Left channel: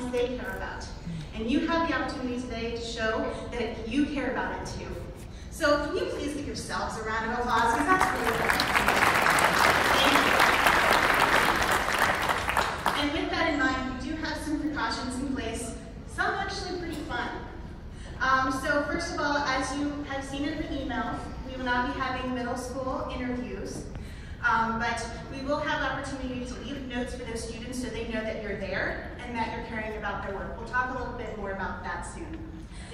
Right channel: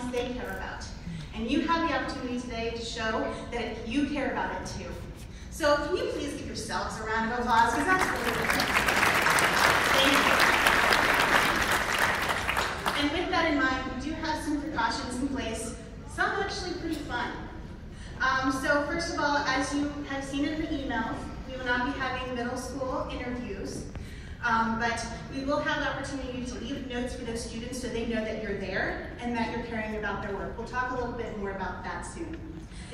science they care about. And you have the opportunity today to show that you care about it too. So can you please give yourselves a round of applause? Because that's really good. Thank you. And with that in mind, we do have some precautions in place. Some actually pretty fun. So first of all, as you have seen in the emails, we will not be having middle school interviews, but we will have the opportunity to leave notes for those students so they know that you're there and that you're caring about their work. We'll talk a little bit more about that soon.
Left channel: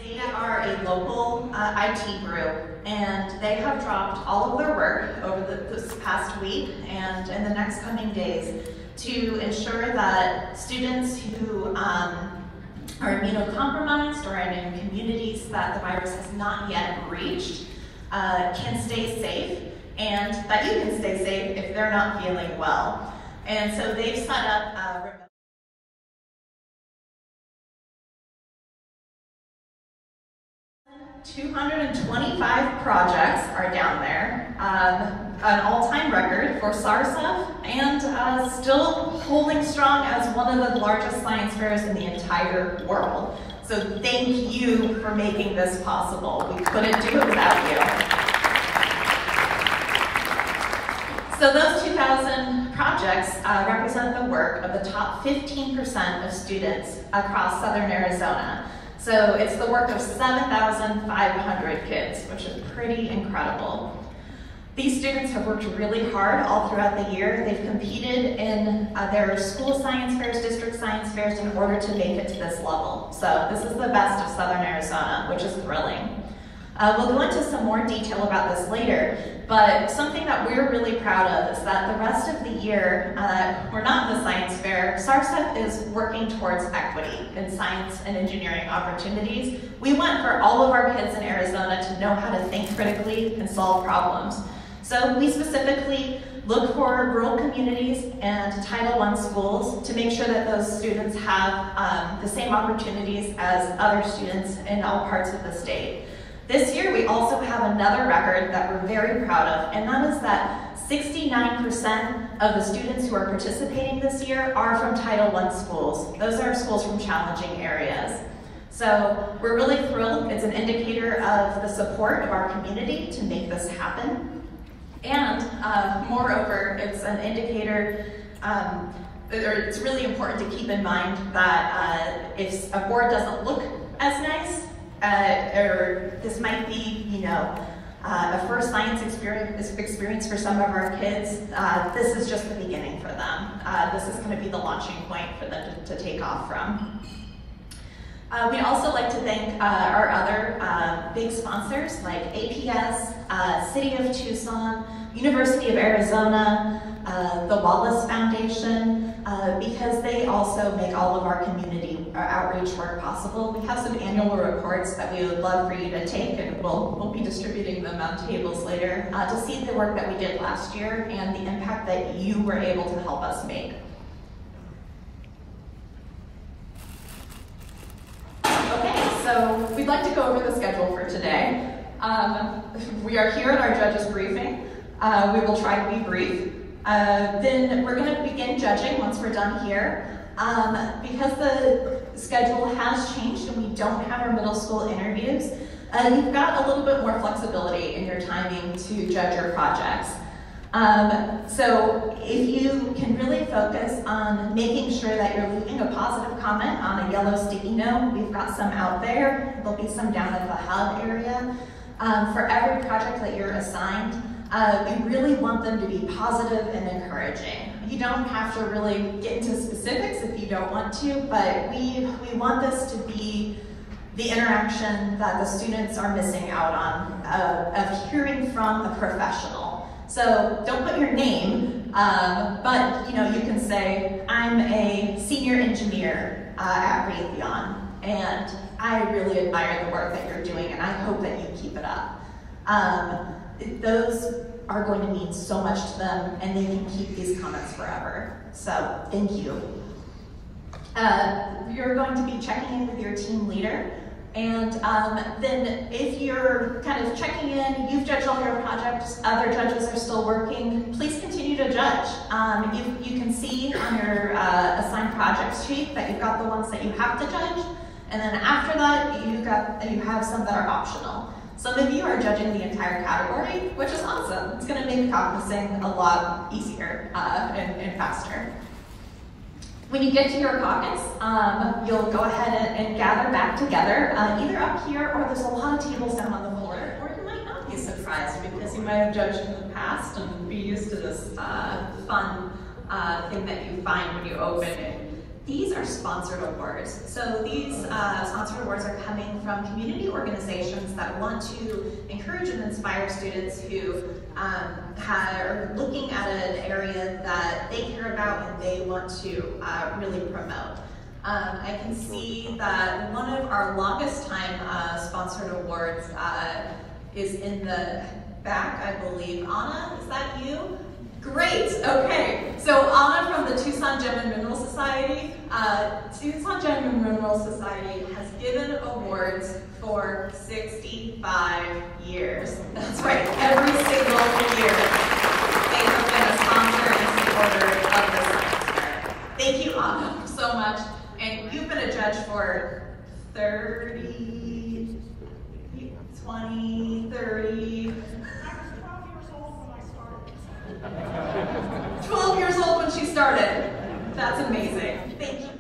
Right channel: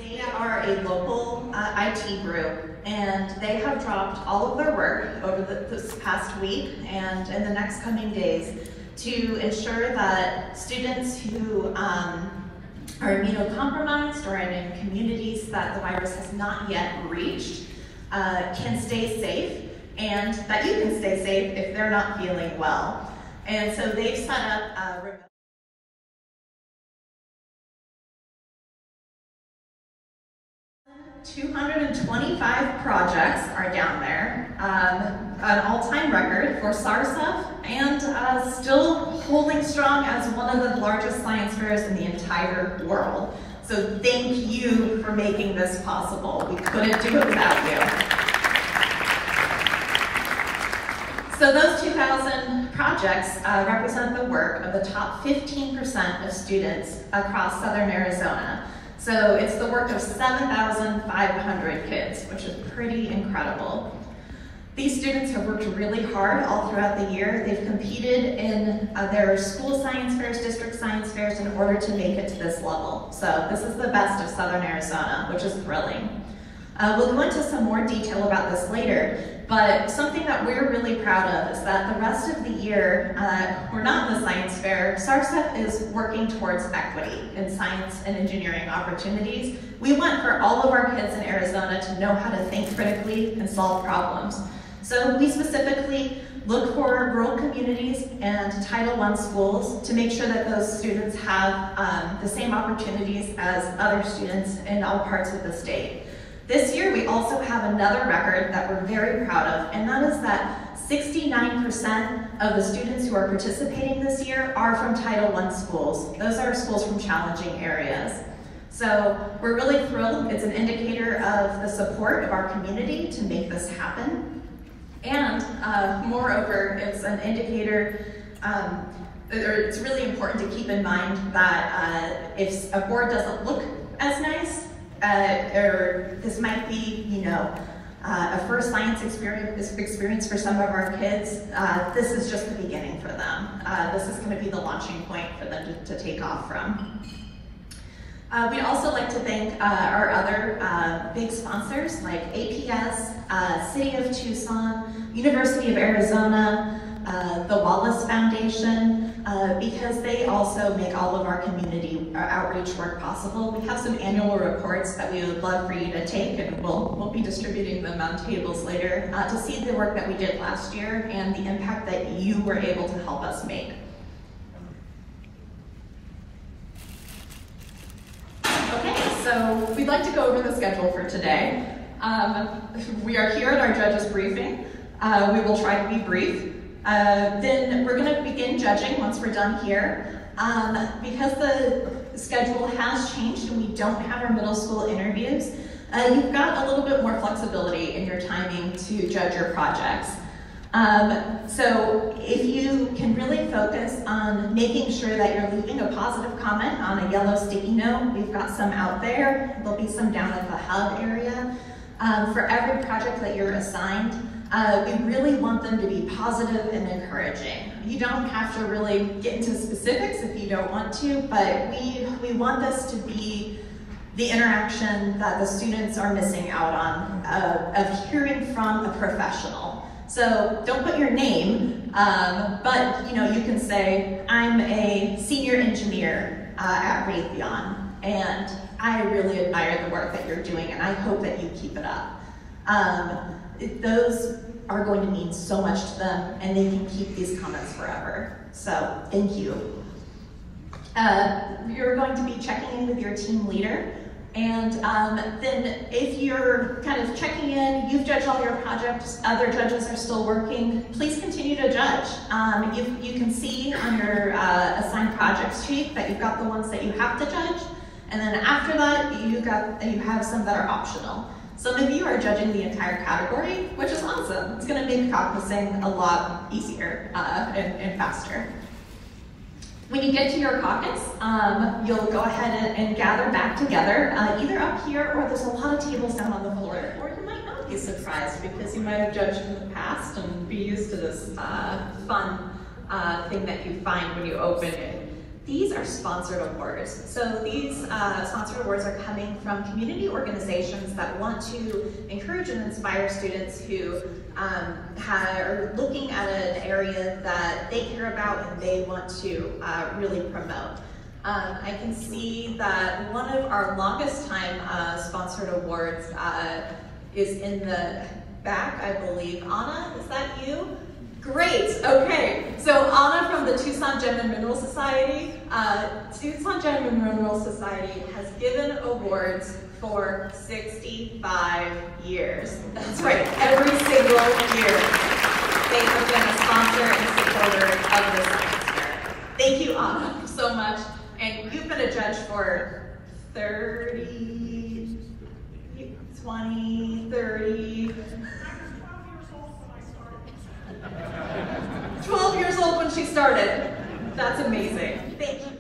They are a local IT group, and they have dropped all of their work over this past week and in the next coming days to ensure that students who are immunocompromised or in communities that the virus has not yet reached can stay safe, and that you can stay safe if they're not feeling well. And so they've set up 225 projects are down there, an all-time record for Sarsef, and still holding strong as one of the largest science fairs in the entire world. So thank you for making this possible. We couldn't do it without you. So those 2,000 projects represent the work of the top 15% of students across Southern Arizona. So it's the work of 7,500 kids, which is pretty incredible. These students have worked really hard all throughout the year. They've competed in their school science fairs, district science fairs in order to make it to this level. So this is the best of Southern Arizona, which is thrilling. We'll go into some more detail about this later, but something that we're really proud of is that the rest of the year, we're not in the science fair. Sarsef is working towards equity in science and engineering opportunities. We want for all of our kids in Arizona to know how to think critically and solve problems. So we specifically look for rural communities and Title I schools to make sure that those students have the same opportunities as other students in all parts of the state. This year, we also have another record that we're very proud of, and that is that 69% of the students who are participating this year are from Title I schools. Those are schools from challenging areas. So we're really thrilled. It's an indicator of the support of our community to make this happen. And moreover, it's an indicator, it's really important to keep in mind that if a board doesn't look as nice, or this might be, a first science experience for some of our kids, this is just the beginning for them. This is going to be the launching point for them to take off from. We'd also like to thank our other big sponsors like APS, City of Tucson, University of Arizona, the Wallace Foundation, because they also make all of our community outreach work possible. We have some annual reports that we would love for you to take, and we'll be distributing them on tables later to see the work that we did last year and the impact that you were able to help us make. Okay, so we'd like to go over the schedule for today. We are here at our judges briefing. We will try to be brief. Then we're going to begin judging once we're done here. Because the schedule has changed and we don't have our middle school interviews, you've got a little bit more flexibility in your timing to judge your projects. So if you can really focus on making sure that you're leaving a positive comment on a yellow sticky note, we've got some out there. There'll be some down at the hub area. For every project that you're assigned, we really want them to be positive and encouraging. You don't have to really get into specifics if you don't want to, but we want this to be the interaction that the students are missing out on, of hearing from a professional. So don't put your name, but you can say, I'm a senior engineer at Raytheon, and I really admire the work that you're doing, and I hope that you keep it up. Those are going to mean so much to them, and they can keep these comments forever. So thank you. You're going to be checking in with your team leader, And then if you're kind of checking in, you've judged all your projects, other judges are still working, please continue to judge. You can see on your assigned projects sheet that you've got the ones that you have to judge, and then after that, you have some that are optional. Some of you are judging the entire category, which is awesome. It's going to make caucusing a lot easier and faster. When you get to your caucus, you'll go ahead and gather back together, either up here or there's a lot of tables down on the floor, or you might not be surprised because you might have judged in the past and be used to this fun thing that you find when you open it. These are sponsored awards. So these sponsored awards are coming from community organizations that want to encourage and inspire students who are looking at an area that they care about and they want to really promote. I can see that one of our longest time sponsored awards is in the back, I believe. Anna, is that you? Great, okay. So Anna from the Tucson Gem and Mineral Society. Tucson Gem and Mineral Society has given awards for 65 years. That's right, every single year. They have been a sponsor and supporter of the science fair. Thank you, Anna, so much. And you've been a judge for 30, 20, 30, 12 years old when she started. That's amazing. Thank you.